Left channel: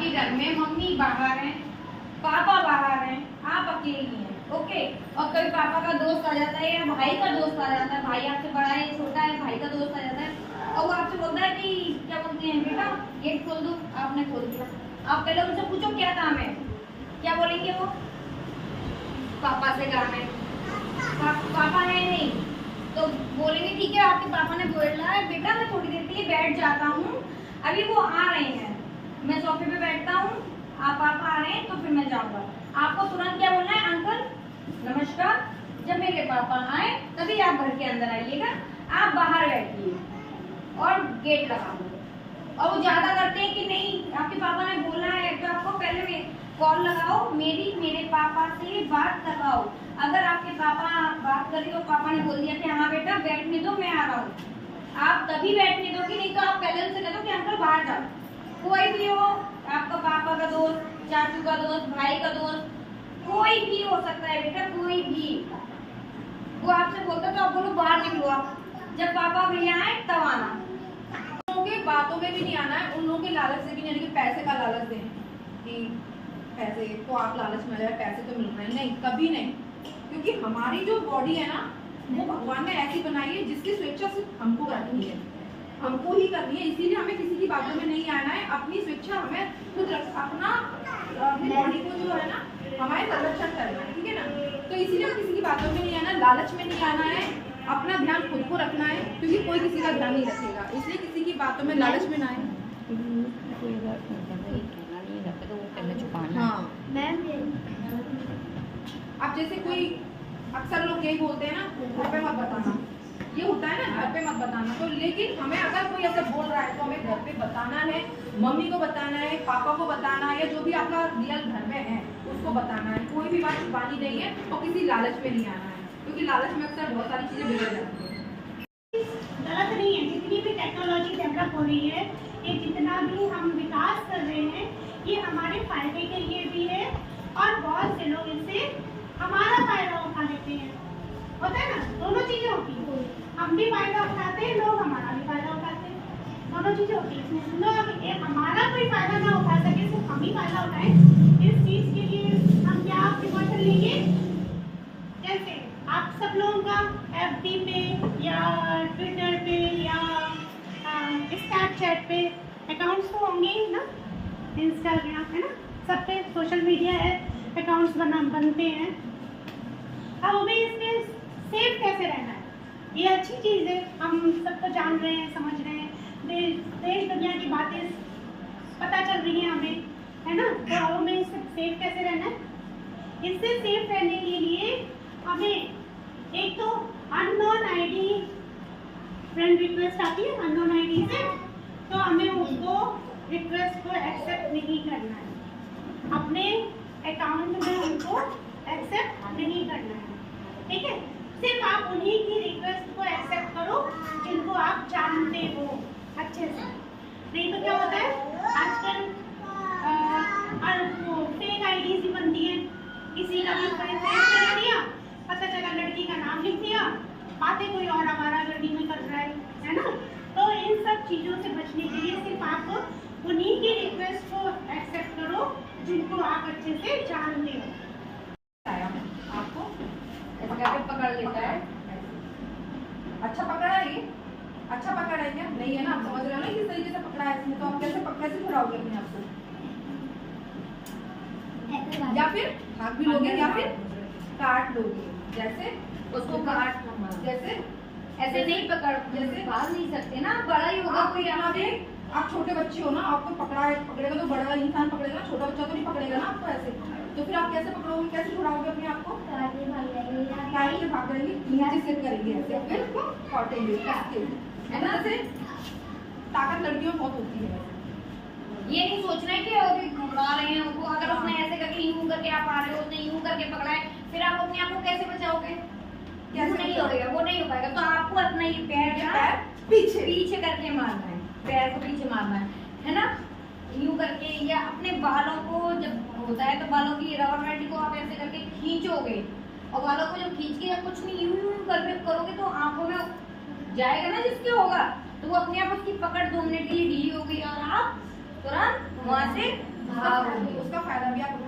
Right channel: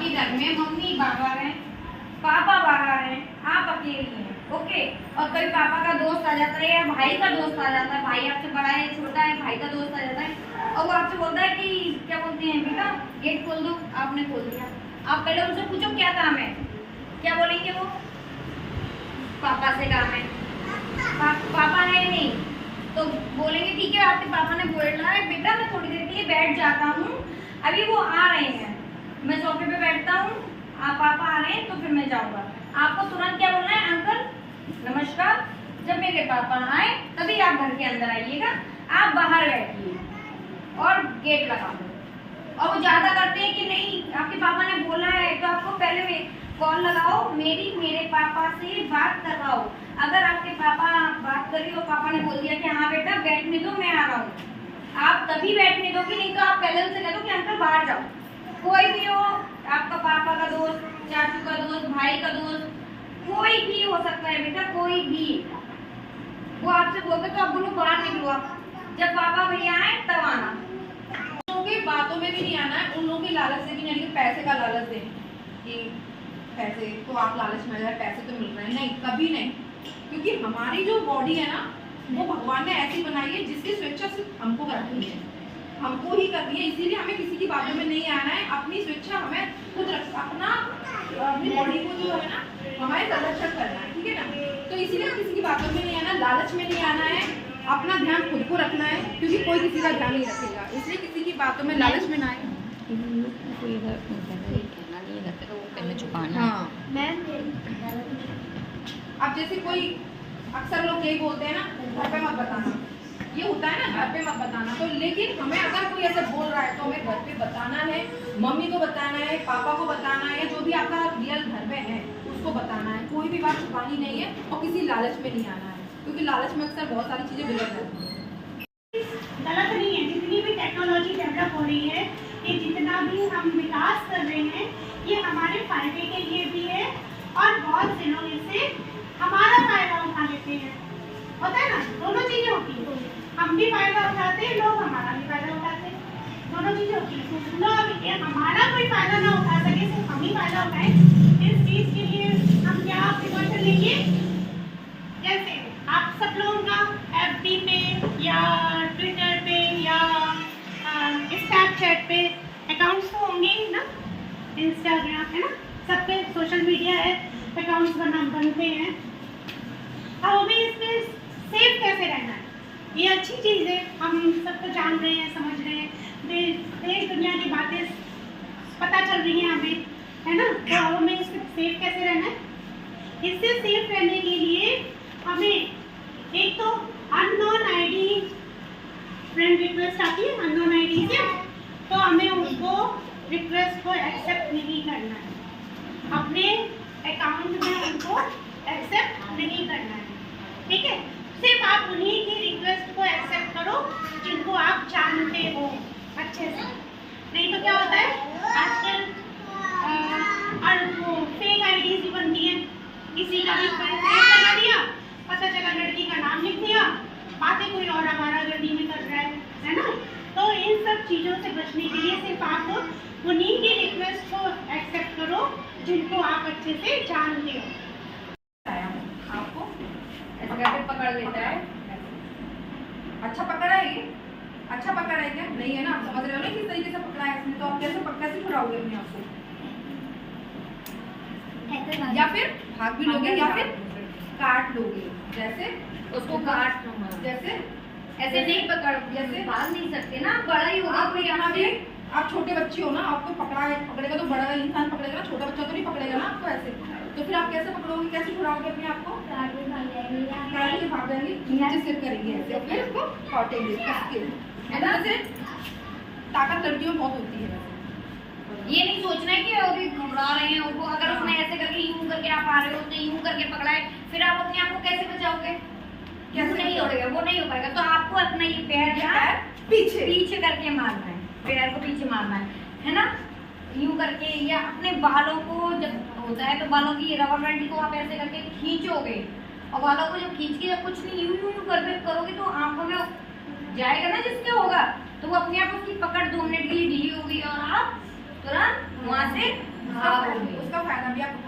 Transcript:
आपके घर में मम्मी बाहर हैं, पापा बाहर हैं, आप अकेली हैं, ओके। और कभी पापा का दोस्त आ जाता है या भाई का दोस्त आ जाता है, भाई आपसे बड़ा है छोटा है, भाई का दोस्त आ जाता है और वो आपसे बोलता है कि क्या बोलते हैं बेटा गेट खोल दो, आपने खोल दिया। आप पहले उनसे पूछो क्या काम है, क्या बोलेंगे वो? पापा से काम है। पापा है नहीं तो बोलेंगे ठीक है आपके पापा ने बोला है बेटा मैं थोड़ी देर के लिए बैठ जाता हूँ, अभी वो आ रहे हैं, मैं सोफे पे बैठता हूँ, आप पापा आ रहे हैं तो फिर मैं जाऊँगा। आपको तुरंत क्या बोलना है? अंकल नमस्कार, जब मेरे पापा आए तभी आप घर के अंदर आइएगा, आप बाहर बैठिए और गेट लगा दो। और वो ज्यादा करते हैं कि नहीं आपके पापा ने बोला है तो आपको पहले कॉल लगाओ, मेरे पापा से बात करवाओ। अगर आपके पापा बात कर रही हो, पापा ने बोल दिया कि हाँ बेटा बैठने दो मैं आ रहा हूँ, आप तभी बैठने दो, कि नहीं तो आप पहले उनसे कह दो कि अंकल बाहर जाओ। कोई भी हो, आपका पापा का दोस्त, चाचू का दोस्त, भाई का दोस्त, कोई भी हो सकता है बेटा, कोई भी। वो आपसे बोलते तो आप बोलो बाहर निकलो, आप जब पापा भैया आए तब आना। लोगों की बातों में भी नहीं आना है, उन लोगों के लालच से भी नहीं, पैसे का लालच दें कि पैसे तो आप लालच में आ जाए, पैसे तो मिल रहे हैं, नहीं कभी नहीं। क्योंकि हमारी जो बॉडी है ना वो भगवान ने ऐसी बनाई है जिसकी स्वेच्छा सिर्फ हमको करनी है, हमको ही करनी है। इसीलिए हमें किसी की बातों में नहीं आना है, अपनी स्वेच्छा हमें खुद अपना अपनी बॉडी को जो है ना हमारे संरक्षण करना है, ठीक है ना। तो इसीलिए किसी की बातों में नहीं आना, लालच में नहीं आना है, अपना ध्यान खुद को रखना है, क्योंकि कोई किसी का ध्यान नहीं रखेगा, इसलिए किसी की बातों में लालच में ना आए। हाँ। अब जैसे कोई अक्सर लोग यही बोलते हैं ना घर पे मत बताना, ये होता है ना घर पे मत बताना, तो लेकिन हमें अगर कोई ऐसे बोल रहा है तो हमें घर पे बताना है, मम्मी को बताना है, पापा को बताना है, जो भी आपका रियल घर में है उसको बताना है। कोई भी बात छुपानी नहीं है और किसी लालच में नहीं आना है, क्योंकि लालच में अक्सर बहुत सारी चीजें बिगड़ जाती हैं। गलत नहीं है, जितनी भी टेक्नोलॉजी डेवलप हो रही है, ये जितना भी हम विकास कर रहे हैं ये हमारे फायदे के लिए भी है और बहुत से लोग इससे हमारा फायदा उठा लेते हैं। होता है ना, दोनों चीजें होती है, हम भी फायदा उठाते हैं, लोग हमारा भी फायदा उठाते हैं, दोनों चीजें होती है। लोग हमारा कोई फायदा ना उठा सके, सिर्फ हम ही फायदा उठाएं, इस चीज के लिए हम क्या प्रिकॉशन लेंगे? जैसे आप सब लोगों का FB पे या ट्विटर पे या स्नैपचैट पे अकाउंट्स तो होंगे ही ना, इंस्टाग्राम है ना, सब पे सोशल मीडिया है, अकाउंट्स बनते हैं। अब हमें इसमें सेफ कैसे रहना है, ये अच्छी चीज़ है, हम सब तो जान रहे हैं, समझ रहे हैं, देश दुनिया की बातें पता चल रही हैं हमें, है ना। तो अब हमें इससे सेफ कैसे रहना है? इससे सेफ रहने के लिए हमें एक तो अननोन आईडी फ्रेंड रिक्वेस्ट आती है अननोन आईडी से, तो हमें उसको रिक्वेस्ट को एक्सेप्ट नहीं करना है, अपने अकाउंट में उनको एक्सेप्ट नहीं करना है, ठीक है। सिर्फ आप उन्हीं की रिक्वेस्ट को एक्सेप्ट करो जिनको आप जानते हो अच्छे से। नहीं तो क्या होता है आजकल वो फेक आईडीज भी बनती हैं, किसी का भी परिचय लगा दिया, पता चला लड़की का नाम लिख दिया, बातें कोई और हमारा गर्दी में कर रहा है ना। तो इन सब चीज़ों से बचने के लिए सिर्फ आप उन्हीं की रिक्वेस्ट को एक्सेप्ट करो जिनको आप अच्छे से जानते हो। आपको ऐसे करके पकड़ लेता है, अच्छा पकड़ा है ये, अच्छा पकड़ा है क्या? नहीं है ना, आप समझ रहे हो ना किस तरीके से पकड़ा है इसने, तो आप कैसे छुड़ाओगे अपने आप को? या फिर भाग भी लोगे या फिर काट लोगे, जैसे उसको काट लूंगा। जैसे ऐसे नहीं पकड़, जैसे भाग नहीं सकते ना, बड़ा ही होगा आप कोई यहाँ आपसे। पे आप छोटे बच्चे हो ना, आपको पकड़ेगा तो बड़ा इंसान पकड़ेगा ना, छोटा बच्चा तो नहीं पकड़ेगा ना आपको ऐसे, तो फिर आप कैसे पकड़ोगे, कैसे छुड़ाओगे अपने आप को? काट के भाग जाएंगे, नीचे सिर करेंगे ऐसे, फिर उसको काटेंगे है ना। जैसे ताकत लड़कियों में बहुत होती है, ये नहीं सोचना है कि अभी घबरा रहे हैं उनको, अगर उसने ऐसे करके यूं करके आप आ रहे हो तो यूं करके पकड़ा है, फिर आप अपने आप को कैसे बचाओगे? कैसे नहीं हो रहेगा, वो नहीं हो पाएगा। तो आपको अपना ये पैर पीछे करके मारना है, पैर को पीछे मारना है ना, यूं करके। या अपने बालों को जब होता है तो बालों की रबर बैंड को आप ऐसे करके खींचोगे, और बालों को जब खींच के जब कुछ नहीं यूं करके करोगे तो आंखों में जाएगा ना जिसके होगा, तो वो अपने आप उसकी पकड़ 2 मिनट के लिए ढीली होगी और आप तुरंत वहां से भागोगे। उसका फायदा भी आप